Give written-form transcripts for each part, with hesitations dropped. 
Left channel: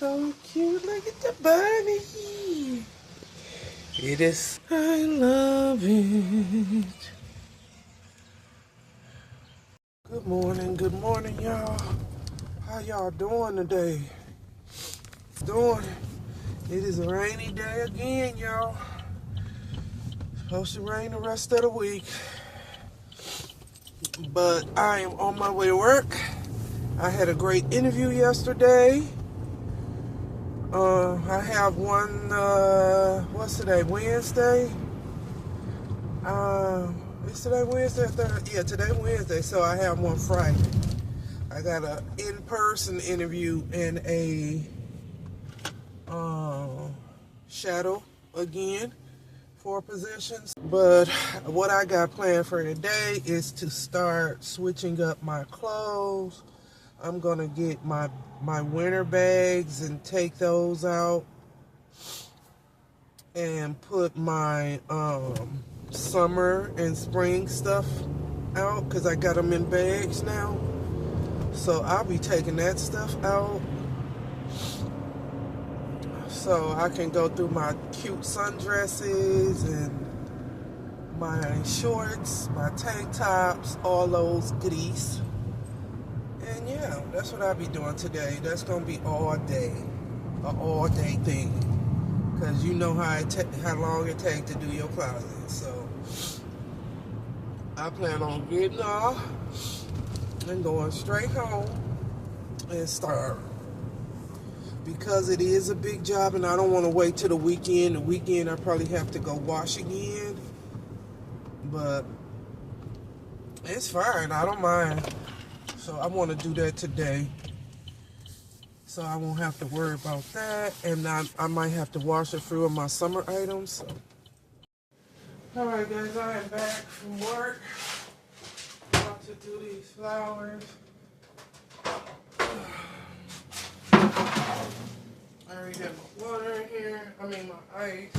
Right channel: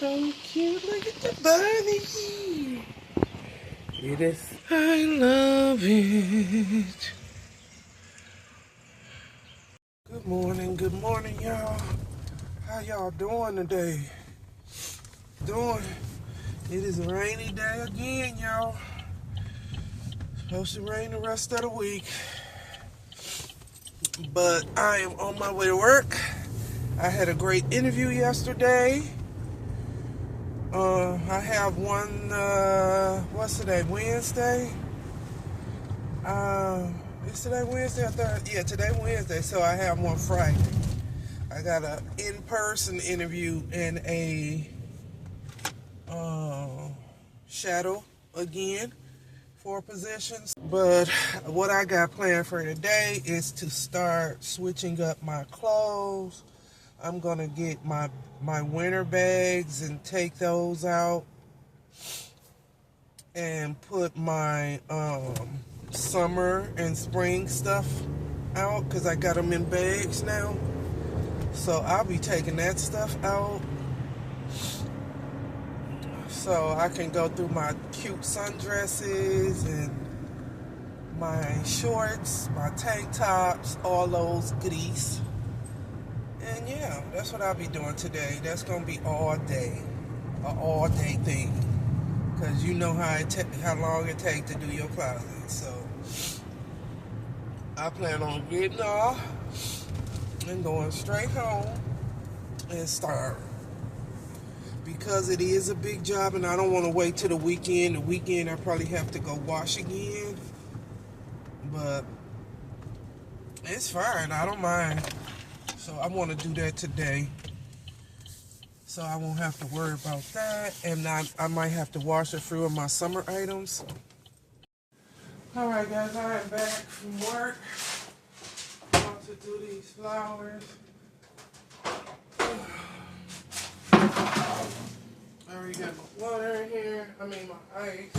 so cute. Look at the bunny. It is. I love it. Good morning, y'all. How y'all doing today? It is a rainy day again, y'all. Supposed to rain the rest of the week. But I am on my way to work. I had a great interview yesterday. I have one, what's today, Wednesday? Is today Wednesday or Thursday? Yeah, today Wednesday, so I have one Friday. I got an in-person interview and a shadow again for positions. But what I got planned for today is to start switching up my clothes. I'm gonna get my winter bags and take those out and put my summer and spring stuff out because I got them in bags now. So I'll be taking that stuff out so I can go through my cute sundresses and my shorts, my tank tops, all those goodies. And yeah, that's what I'll be doing today. That's gonna be all day, an all day thing, because you know how long it takes to do your closet. So I plan on getting off and going straight home and start, because it is a big job and I don't want to wait till the weekend. The weekend I probably have to go wash again, but it's fine. I don't mind. So I want to do that today, so I won't have to worry about that. And I might have to wash a few of my summer items. So. All right, guys, I am back from work. I'm about to do these flowers. I already got my water in here. I mean my ice.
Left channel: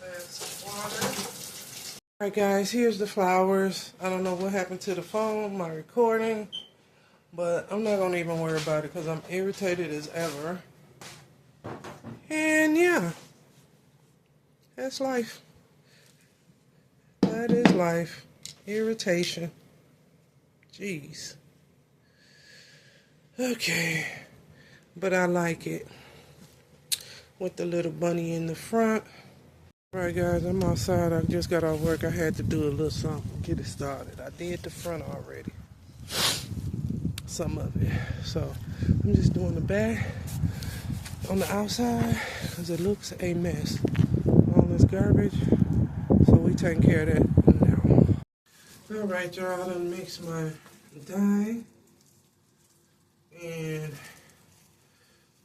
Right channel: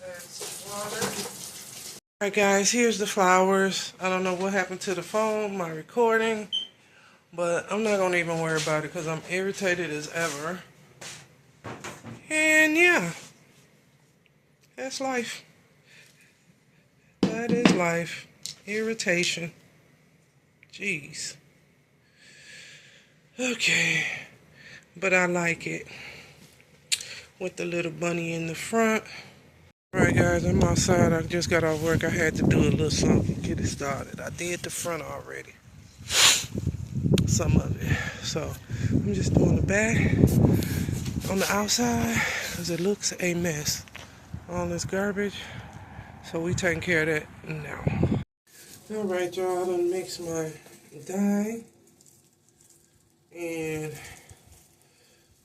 Let's add some water. All right, guys, here's the flowers. I don't know what happened to the phone, my recording, but I'm not going to even worry about it because I'm irritated as ever. And yeah, that's life. That is life. Irritation. Jeez. Okay. But I like it. With the little bunny in the front. Alright guys, I'm outside. I just got off work. I had to do a little something to get it started. I did the front already. Some of it. So I'm just doing the back on the outside because it looks a mess. All this garbage. So we taking care of that now. Alright y'all, I done mixed my dye. And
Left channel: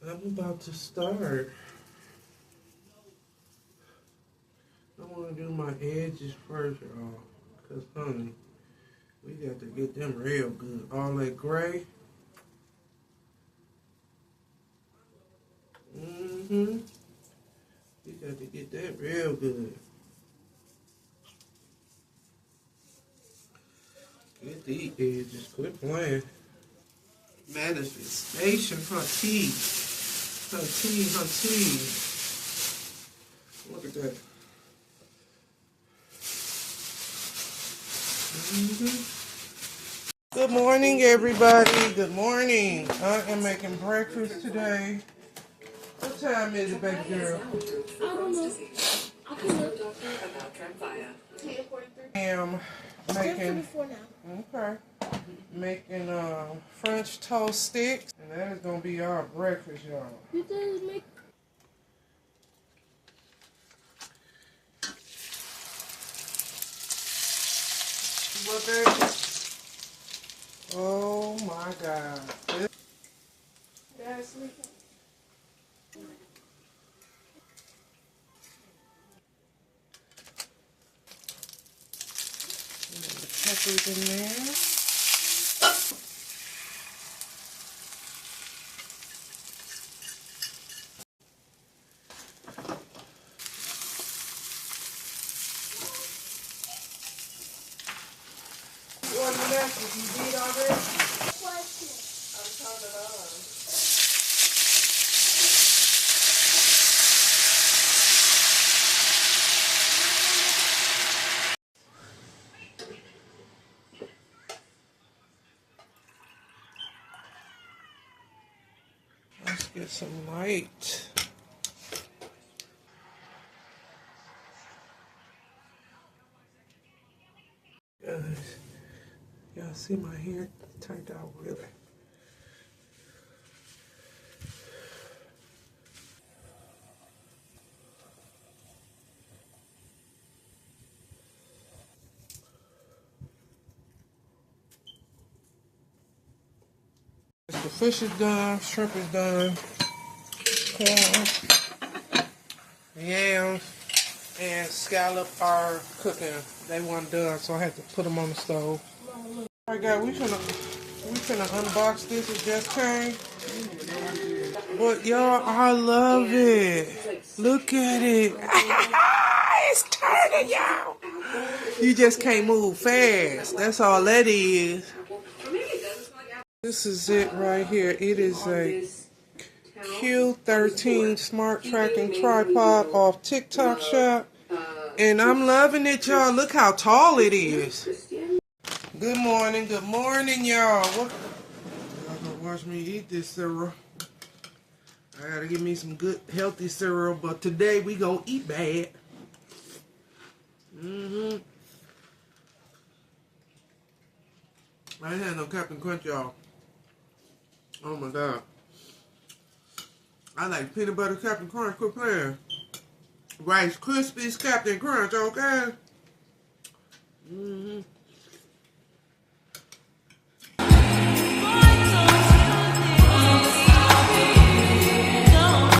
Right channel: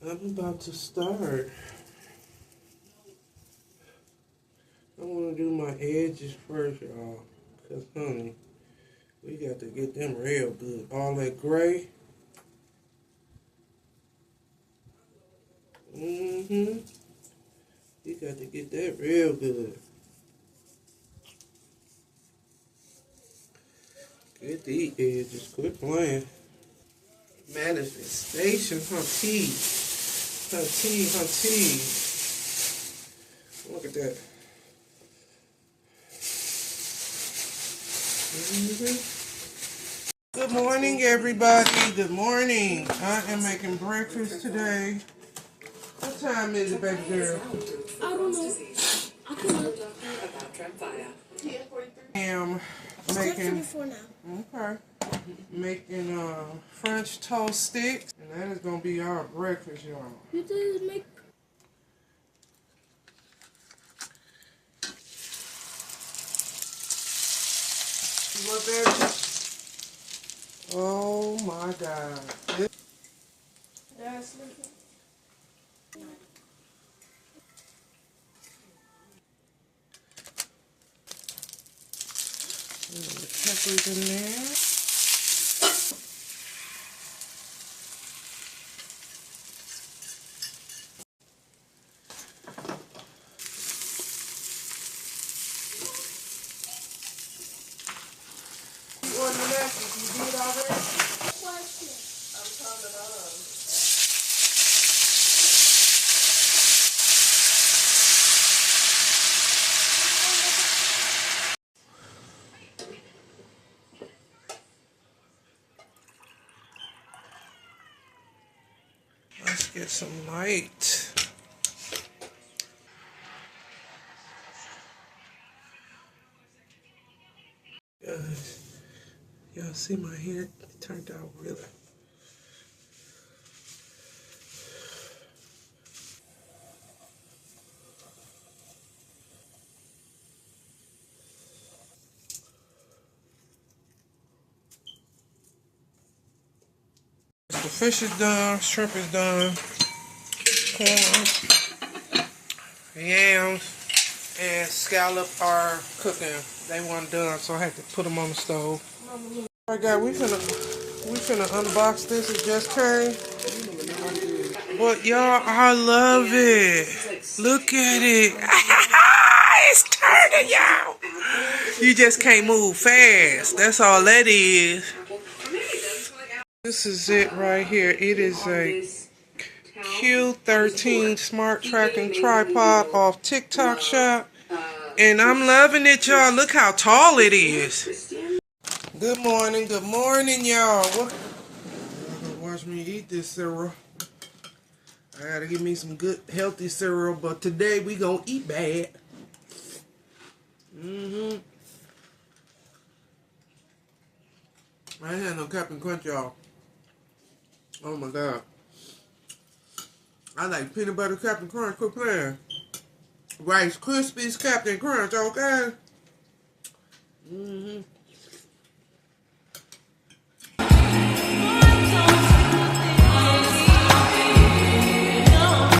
I'm about to start. I want to do my edges first, y'all. Because, honey, we got to get them real good. All that gray. We got to get that real good. Get these edges. Quit playing. Manifestation, her teeth. Her teeth, her teeth. Look at that. Good morning, everybody. Good morning. I am making breakfast today. What time is it, baby girl? I don't know. I can look. I am making. Okay. Making French toast sticks, and that is gonna be our breakfast, y'all. You did make. Look at it. Oh my God. That's it. The peppers in there. One left. You did already? I'm turning it on. Get some light. Guys, y'all see my hair turned out really. The fish is done, shrimp is done, corn, yams, and scallop are cooking. They weren't done, so I had to put them on the stove. Alright guys, we finna unbox this. It just came. But y'all, I love it. Look at it. It's turning, y'all. You just can't move fast. That's all that is. This is it right here. It is a Q13 smart tracking tripod off TikTok shop. And I'm loving it, y'all. Look how tall it is. Good morning, y'all. Y'all gonna watch me eat this cereal. I gotta give me some good, healthy cereal, but today we gonna eat bad. I ain't had no Captain Crunch, y'all. Oh my God. I like peanut butter Captain Crunch. Quit playing. Rice Krispies Captain Crunch, okay?